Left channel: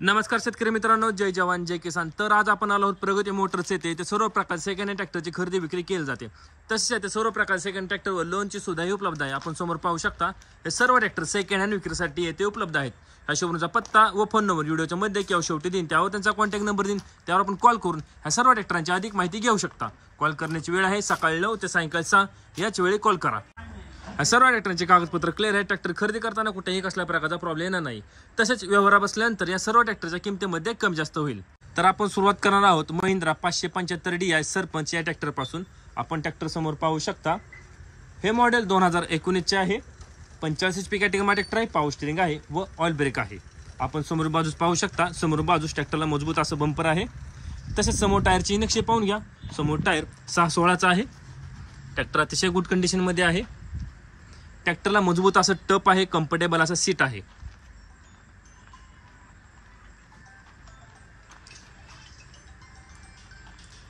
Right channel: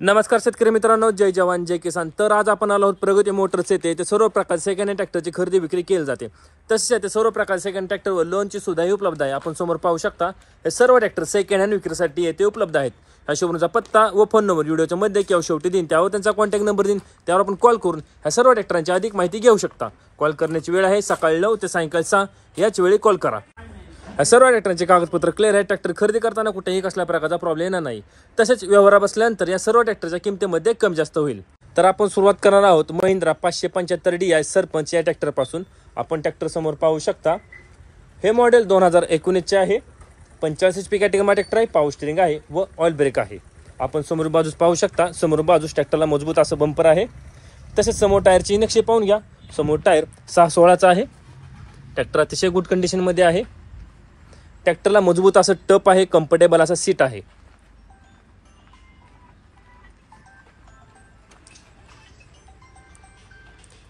नमस्कार शेतकरी मित्रांनो, जय जवान जय किसान। तर आज आपण आलो आहोत प्रगती मोटर्स येथे। ते सर्व प्रकारचे सेकंड हँड ट्रॅक्टरची खरेदी विक्री केली जाते। तसेच ते सर्व प्रकारचे सेकंड ट्रॅक्टरवर लोनची सुविधाही उपलब्ध आहे। आपण समोर पाहू शकता हे सर्व ट्रॅक्टर सेकंड हँड विक्रीसाठी येथे उपलब्ध आहेत। ह्या शोरूमचा पत्ता व फोन नंबर व्हिडिओच्या मध्ये किंवा शेवटी देईन, त्यावर त्यांचा कॉन्टॅक्ट नंबर देईन, त्यावर आपण कॉल करून ह्या सर्व ट्रॅक्टरांची अधिक माहिती घेऊ शकता। कॉल करण्याची वेळ आहे सकाळी 9 ते सायंकाळी 6 याच वेळी कॉल करा। सर्व ट्रॅक्टरचे कागदपत्र क्लिअर आहे। ट्रॅक्टर खरेदी करताना कुठेही कसल्या प्रकारचा प्रॉब्लेम येणार नाही। तसेच व्यवहार बसल्यानंतर या सर्व ट्रॅक्टरच्या किमतीमध्ये कमी जास्त होईल। तर आपण सुरुवात करणार आहोत महिंद्रा 575 DI सरपंच या ट्रॅक्टर पासून। आपण ट्रॅक्टर समोर पाहू शकता हे मॉडेल 2019 चे आहे। 85 HP कॅटेगरी ट्रॅक्टर आहे। पॉवर स्टीअरिंग आहे व ऑइल ब्रेक आहे। आपण समोर बाजूस पाहू शकता, समोर बाजूस ट्रॅक्टरला मजबूत असं बंपर आहे। तसेच समोर टायरची नक्षी पाहून घ्या। समोर टायर 6/16 चा आहे। ट्रॅक्टर अतिशय गुड कंडिशन मध्ये आहे। ट्रॅक्टरला मजबूत असं टप आहे, कम्फर्टेबल असं सीट आहे।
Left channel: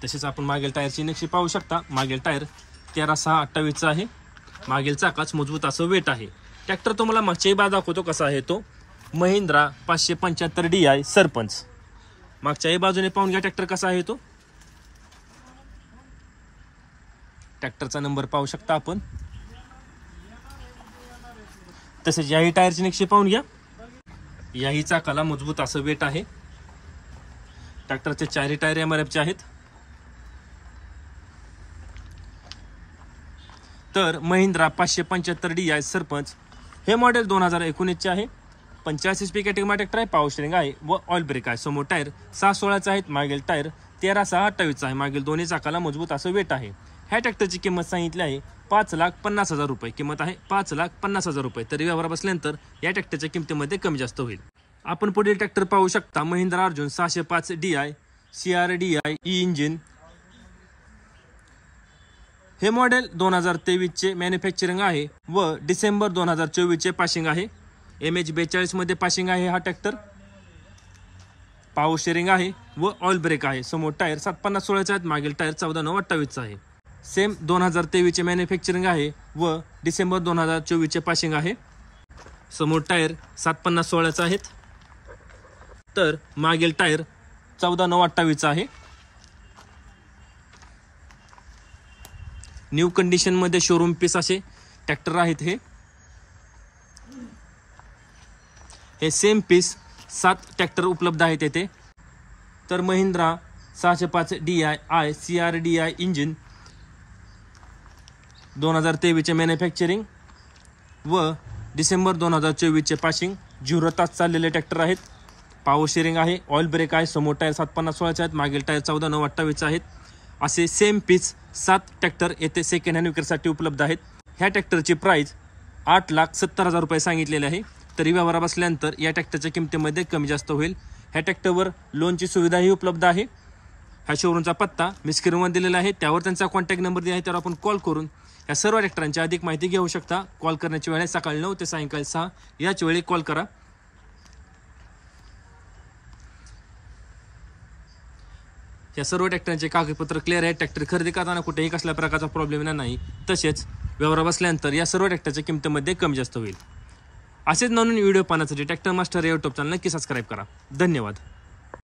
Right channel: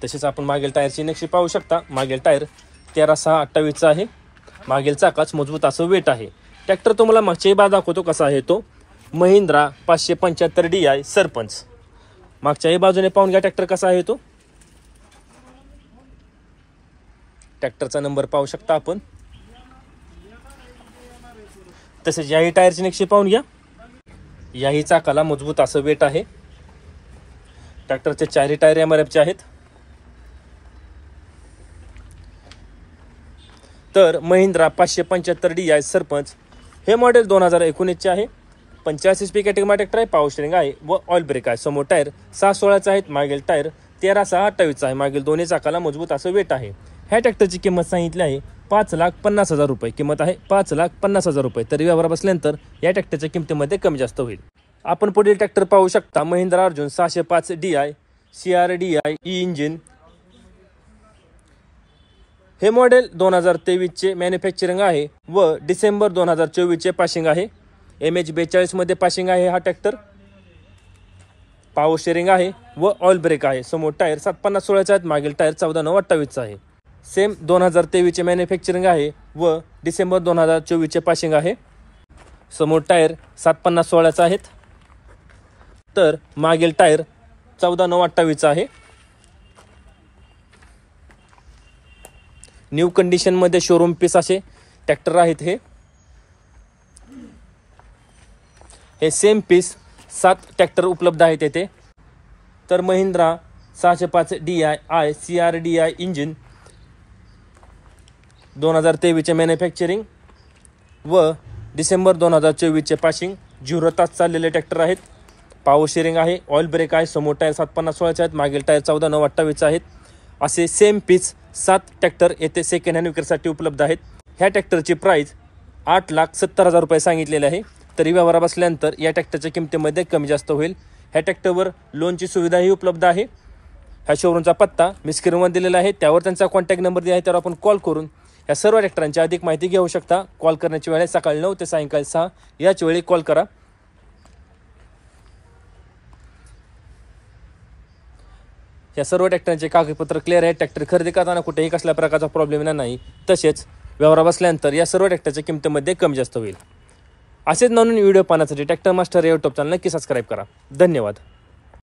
तसेच आपण मागील टायरची नक्षी पाहू शकता। मागील टायर 13/6/28 चा आहे। मागील चाकाच मजबूत असं वेट आहे। ट्रॅक्टर तुम्हाला मागच्याही बाजू दाखवतो कसा आहे तो महिंद्रा 575 DI सरपंच। मागच्याही बाजूने पाहून घ्या ट्रॅक्टर कसा आहे तो। ट्रॅक्टरचा नंबर पाहू शकता आपण। तसेच याही टायरची नक्षी पाहून घ्या। याही चाकाला मजबूत असं वेट आहे। ट्रॅक्टरचे चारही टायर MRF चे आहेत। तर महिंद्रा 575 DI सरपंच हे मॉडेल 2019 चे आहे। 85 HP कॅटेगरी ट्रॅक्टर आहे। पॉवर स्टीअरिंग आहे व ऑइल ब्रेक आहे। समोर टायर 6/16 चे आहेत। मागील टायर 13/6/28 चा आहे। मागील दोन्ही चाकाला मजबूत असं वेट आहे। ह्या ट्रॅक्टरची किंमत सांगितली आहे 5,50,000 रुपये। किंमत आहे 5,50,000 रुपये। तरी व्यवहार बसल्यानंतर या ट्रॅक्टरच्या किमतीमध्ये कमी जास्त होईल। आपण पुढील ट्रॅक्टर पाहू शकता Mahindra Arjun 605 DI CRDI engine. हे मॉडेल 2023 चे मॅन्युफॅक्चरिंग आहे व डिसेंबर 2024 चे पासिंग आहे। MH 42 मध्ये पासिंग आहे हा ट्रॅक्टर। पॉवर स्टीअरिंग आहे व ऑइल ब्रेक आहे। समोर टायर 7/50/16 चे आहेत। मागील टायर 14/9/28 चा आहे। सेम 2023 चे मॅन्युफॅक्चरिंग आहे व डिसेंबर 2024 चे पासिंग आहे। समोर टायर 7/50/16 चे आहेत। तर मागील टायर 14/9/28 चा आहे। न्यू कंडिशन मध्ये शोरूम पीस असे ट्रॅक्टर आहेत। हे सेम पीस 7 ट्रॅक्टर उपलब्ध आहेत येथे। तर महिंद्रा 605 DI CRDI इंजिन 2023 चे मॅन्युफॅक्चरिंग व डिसेंबर 2024 चे पासिंग 0 तास चाललेले ट्रॅक्टर आहेत। पॉवर स्टीअरिंग आहे, ऑइल ब्रेक आहे। समोर टायर 7/50/16 चे आहेत। मागील टायर 14/9/28 चे आहेत। असे सेम पीस 7 ट्रॅक्टर येथे सेकंड हँड विक्रीसाठी उपलब्ध आहेत। ह्या ट्रॅक्टरची प्राइस 8,70,000 रुपये सांगितलेली आहे। तरी व्यवहार बसल्यानंतर या ट्रॅक्टरच्या किमतीमध्ये कमी जास्त होईल। ह्या ट्रॅक्टरवर लोनची सुविधाही उपलब्ध आहे। ह्या शोरूमचा पत्ता मी स्क्रीनवर दिलेला आहे, त्यावर त्यांचा कॉन्टॅक्ट नंबर दिला आहे, त्यावर आपण कॉल करून या सर्व ट्रॅक्टरांची अधिक माहिती घेऊ शकता। कॉल करण्याची वेळ आहे सकाळी 9 ते सायंकाळी 6 याच वेळी कॉल करा। या सर्व ट्रॅक्टरांचे कागदपत्र क्लिअर आहे। ट्रॅक्टर खरेदी करताना कुठेही कसल्या प्रकारचा प्रॉब्लेम येणार नाही। तसेच व्यवहार बसल्यानंतर या सर्व ट्रॅक्टरच्या किमतीमध्ये कमी जास्त होईल। असेच नवीन व्हिडिओ पाहण्यासाठी ट्रॅक्टर मास्टर या यूट्यूब चॅनल नक्की सबस्क्राईब करा। धन्यवाद।